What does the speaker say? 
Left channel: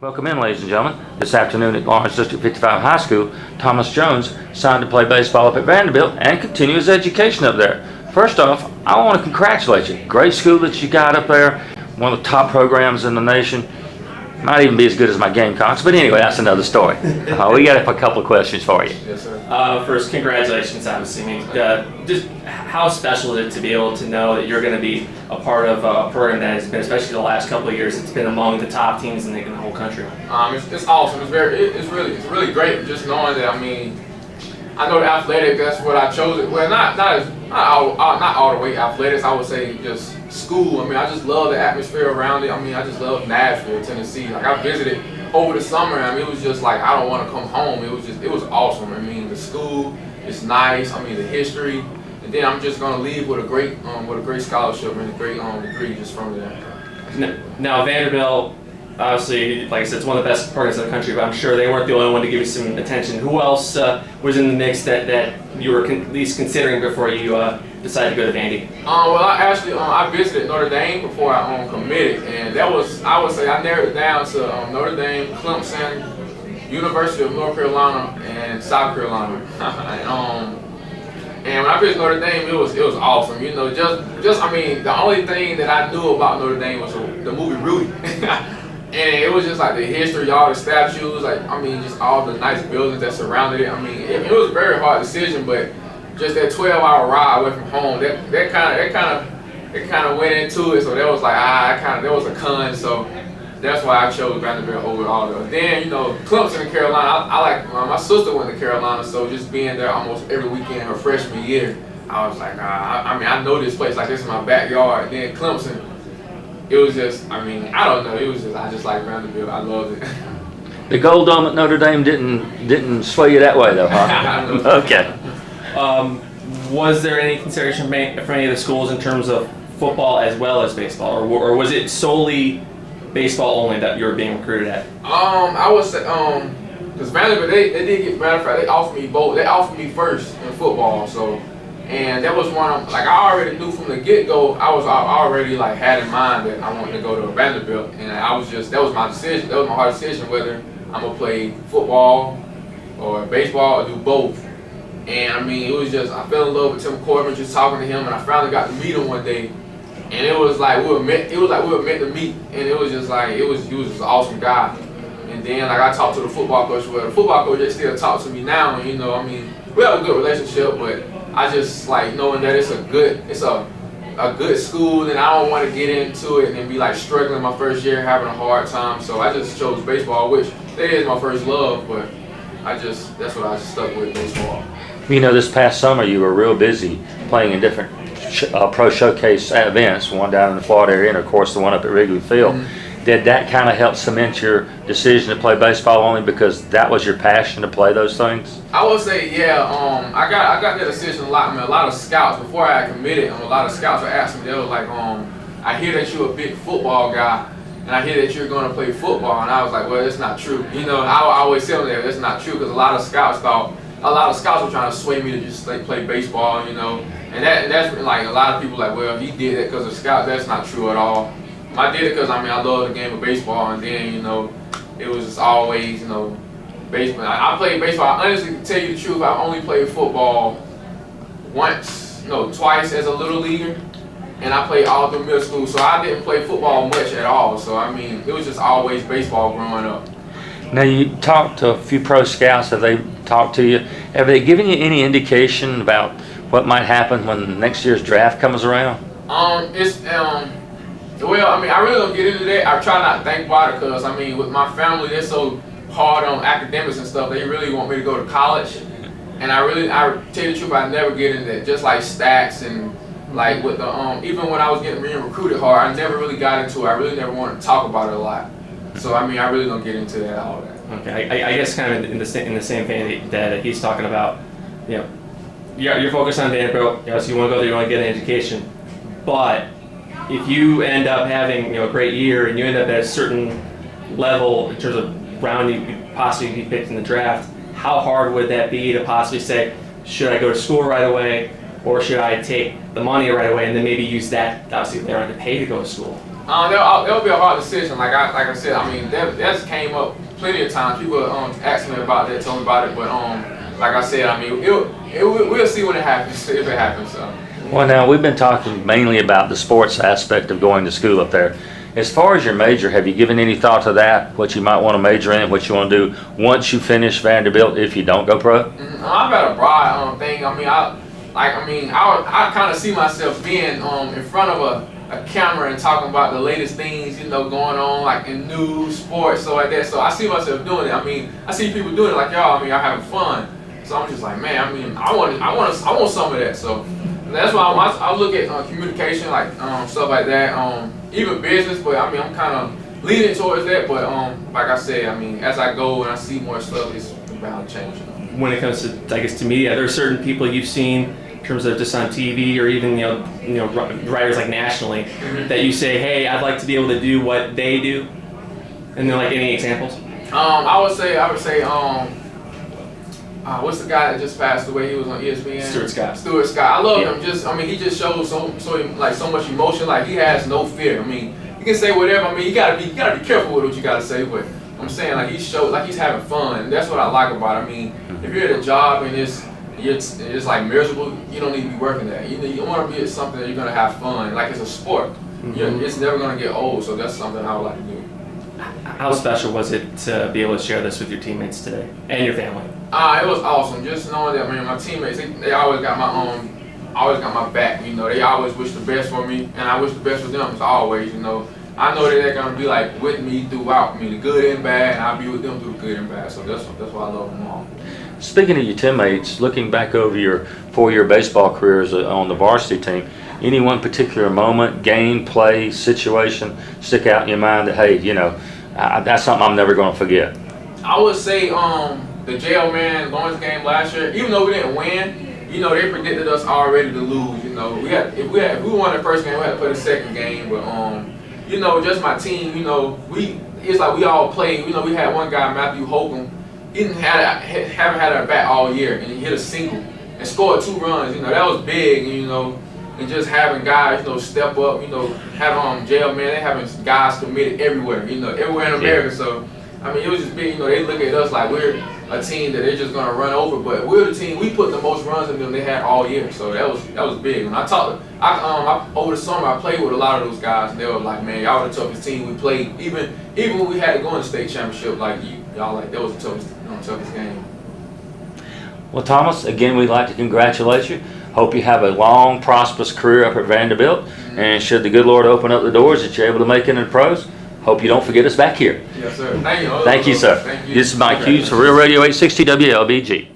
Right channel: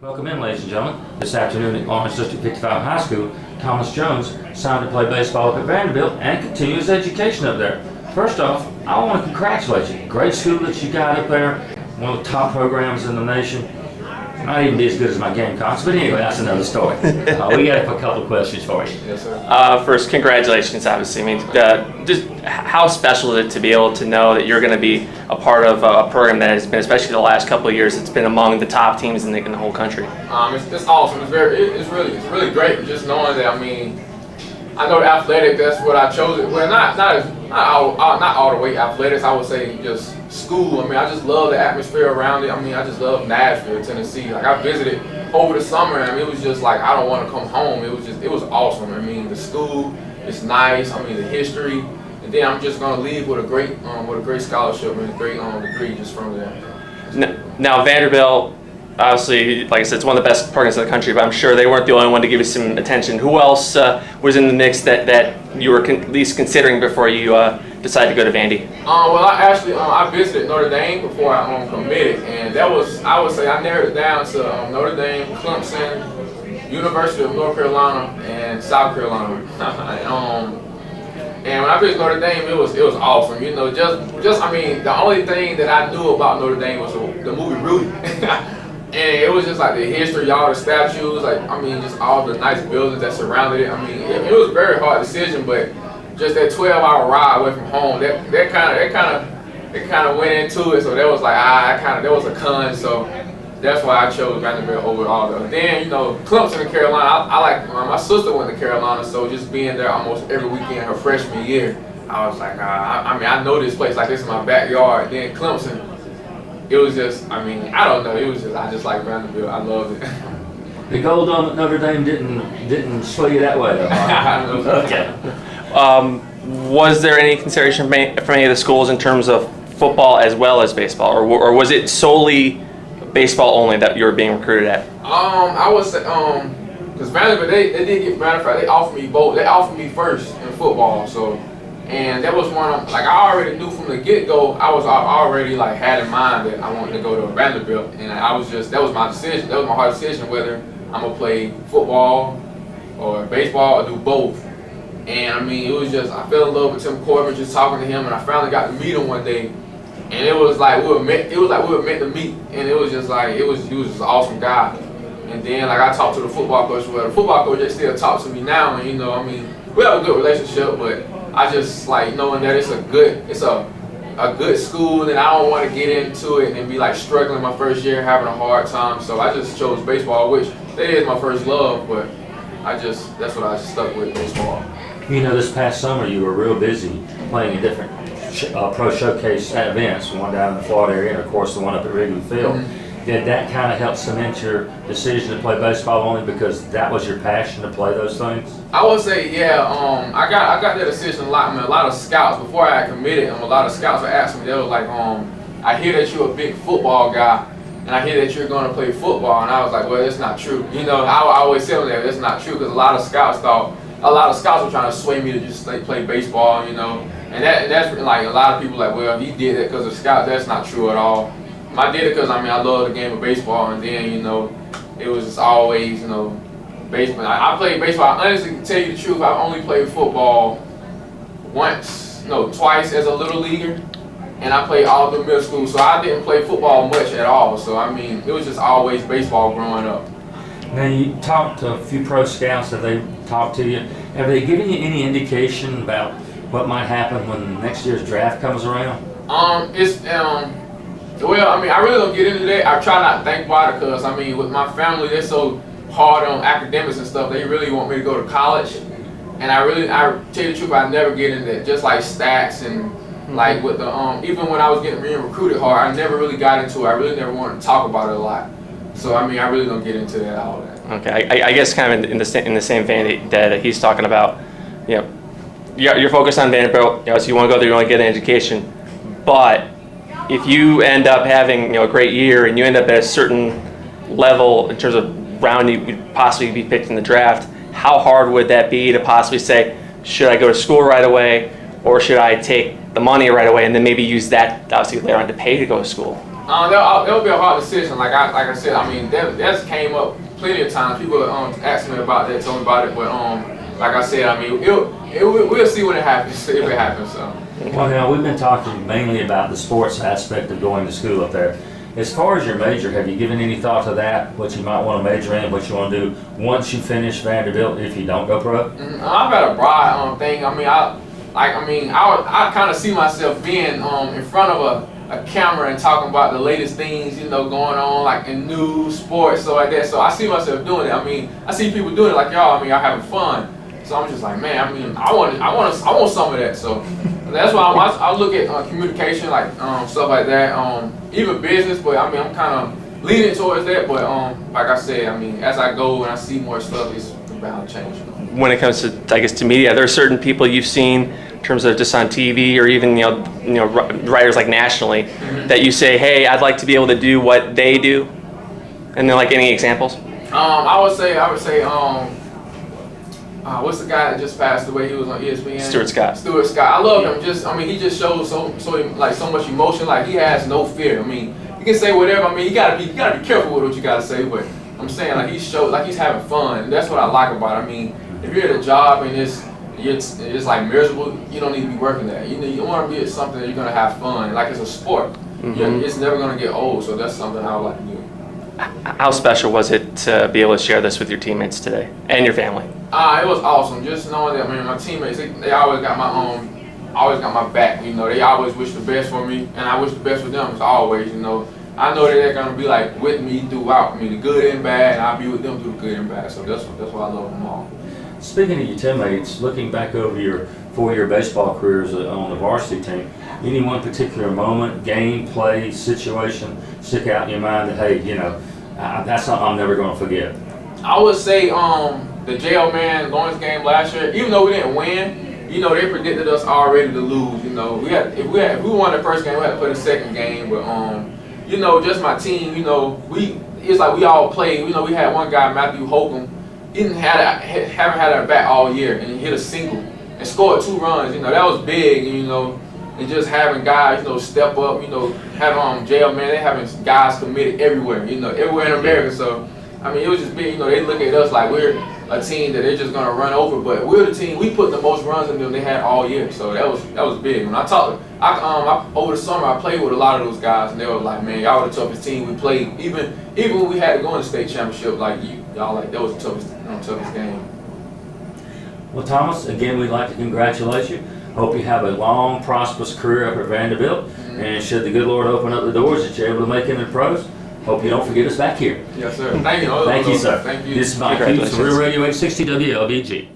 Welcome in, ladies and gentlemen. This afternoon at Lawrence District 55 High School, Thomas Jones signed to play baseball up at Vanderbilt and continue his education up there. First off, I want to congratulate you. Great school that you got up there, one of the top programs in the nation. Might even be as good as my Gamecocks, but anyway, that's another story. We got a couple of questions for you. Yes, sir. First, congratulations, obviously. I mean, just how special is it to be able to know that you're going to be a part of a program that has been, especially the last couple of years, it's been among the top teams in the whole country? It's awesome. It's really great. Just knowing that. I mean, I know the athletic. That's what I chose. It. Well, not all the way athletics. I would say just school. I mean, I just love the atmosphere around it. I mean, I just love Nashville, Tennessee. Like I visited over the summer. I mean, it was just like I don't want to come home. It was awesome. I mean, the school is nice. I mean, the history, and then I'm just gonna leave with a great scholarship and a great degree just from there. Now Vanderbilt, obviously, like I said, it's one of the best programs in the country, but I'm sure they weren't the only one to give you some attention. Who else was in the mix that you were at least considering before you decided to go to Vandy? Well, I visited Notre Dame before I committed, and that was, I would say, I narrowed it down to Notre Dame, Clemson, University of North Carolina, and South Carolina. And when I visited Notre Dame, it was awesome. You know, just I mean, the only thing that I knew about Notre Dame was the movie Rudy. And it was just like the history, all the statues, like I mean, just all the nice buildings that surrounded it. I mean, it was a very hard decision, but just that 12-hour ride away from home, that kind of went into it. So that was like that was a con. So that's why I chose Vanderbilt over all those. Then you know, Clemson and Carolina. I like my sister went to Carolina, so just being there almost every weekend her freshman year, I was like, I mean, I know this place like this is my backyard. Then Clemson. It was just, I mean, I don't know. It was just, I just like Vanderbilt. I loved it. The Gold Dome at Notre Dame didn't sway you that way, though, huh? Okay. Was there any consideration from any of the schools in terms of football as well as baseball, or was it solely baseball only that you were being recruited at? I would say, because Vanderbilt, they did get, matter of fact, they offered me both. They offered me first in football, so. And that was one of, like I already knew from the get-go, I already like had in mind that I wanted to go to Vanderbilt, and that was my decision. That was my hard decision whether I'm gonna play football or baseball or do both. And I mean, it was just, I fell in love with Tim Corbin just talking to him, and I finally got to meet him one day, and it was like we were meant to meet, and it was just like he was just an awesome guy. And then like I talked to the football coach. Well, the football coach, they still talk to me now, and you know, I mean, we have a good relationship, but I just like knowing that it's a good school, and I don't want to get into it and be like struggling my first year, having a hard time. So I just chose baseball, which that is my first love, but that's what I stuck with, baseball. You know, this past summer you were real busy playing in different pro showcase events, one down in the Florida area and of course the one up at Wrigley Field. Mm-hmm. Did that kind of help cement your decision to play baseball only because that was your passion to play those things? I would say, yeah. I got that decision a lot. I mean, a lot of scouts before I committed. A lot of scouts were asking me. They were like, I hear that you're a big football guy, and I hear that you're going to play football. And I was like, well, that's not true. You know, I always tell them that that's not true because a lot of scouts were trying to sway me to just play baseball. You know, and that's like a lot of people like, well, he did it because of scouts. That's not true at all. I did it because I mean I love the game of baseball, and then you know it was just always baseball. I played baseball. Honestly, to tell you the truth, I've only played football twice as a little leaguer, and I played all through middle school. So I didn't play football much at all. So I mean it was just always baseball growing up. Now you talked to a few pro scouts. Have they talked to you? Have they given you any indication about what might happen when next year's draft comes around? Well, I mean, I really don't get into that. I try not to think about it because, I mean, with my family, they're so hard on academics and stuff. They really want me to go to college. And I tell you the truth, I never get into that. Just like stats and like with the, even when I was being recruited hard, I never really got into it. I really never wanted to talk about it a lot. So, I mean, I really don't get into that, all that. Okay, I guess kind of in the same vein that he's talking about, you know, you're focused on Vanderbilt, so you want to go there, you want to get an education, but if you end up having a great year and you end up at a certain level in terms of round you could possibly be picked in the draft, how hard would that be to possibly say, should I go to school right away, or should I take the money right away and then maybe use that obviously later on to pay to go to school? That'll be a hard decision. Like I said, I mean that's came up plenty of times. People asked me about that, told me about it, but like I said, I mean we'll see when it happens if it happens. So. Well, now we've been talking mainly about the sports aspect of going to school up there. As far as your major, have you given any thought to that? What you might want to major in, what you want to do once you finish Vanderbilt if you don't go pro? I've got a broad thing. I mean, I kind of see myself being in front of a camera and talking about the latest things, you know, going on like in news, sports, stuff like that. So I see myself doing it. I mean, I see people doing it like y'all. I mean, y'all having fun. So I'm just like, man. I mean, I want some of that. So that's why I look at communication, like stuff like that. Even business, but I mean, I'm kind of leaning towards that. But like I said, I mean, as I go and I see more stuff, it's bound to change. You know? When it comes to, I guess, to media, there are certain people you've seen in terms of just on TV or even you know writers like nationally that you say, hey, I'd like to be able to do what they do. And then like any examples? I would say what's the guy that just passed away? He was on ESPN. Stuart Scott. Stuart Scott. I love him. He just shows so much emotion. Like he has no fear. I mean, you can say whatever. I mean, you gotta be careful with what you gotta say. But I'm saying like he's having fun. And that's what I like about it. I mean, if you're at a job and it's like miserable, you don't need to be working there. You want to be at something that you're gonna have fun. Like it's a sport. It's never gonna get old. So that's something I would like to do. How special was it to be able to share this with your teammates today and your family? It was awesome. Just knowing that, man, my teammates, they always got my back. You know, they always wish the best for me, and I wish the best for them as always. You know, I know that they're gonna be like with me throughout. I mean, the good and bad, and I'll be with them through the good and bad. So that's why I love them all. Speaking of your teammates, looking back over your 4-year baseball careers on the varsity team, any one particular moment, game, play, situation stick out in your mind that, hey, you know, that's something I'm never going to forget? I would say the jail man Lawrence game last year. Even though we didn't win, you know, they predicted us already to lose. You know, if we won the first game, we had to play the second game. But you know, just my team. You know, it's like we all played. You know, we had one guy, Matthew Holcomb. He haven't had a bat all year, and he hit a single and scored 2 runs. You know, that was big. You know. And just having guys, you know, step up, you know, having jail man, they having guys committed everywhere, you know, everywhere in America. So, I mean, it was just big, you know, they look at us like we're a team that they're just gonna run over, but we're the team. We put the most runs in them they had all year, so that was big. When I talked, over the summer I played with a lot of those guys, and they were like, man, y'all were the toughest team we played. Even when we had to go in the state championship, like y'all, like that was the toughest game. Well, Thomas, again, we'd like to congratulate you. Hope you have a long, prosperous career up at Vanderbilt, and should the good Lord open up the doors that you're able to make it in the pros, hope you don't forget us back here. Yes, sir. Thank you. Thank you, sir. Thank you. This is Mike Hughes for Real Radio 860 WLBG.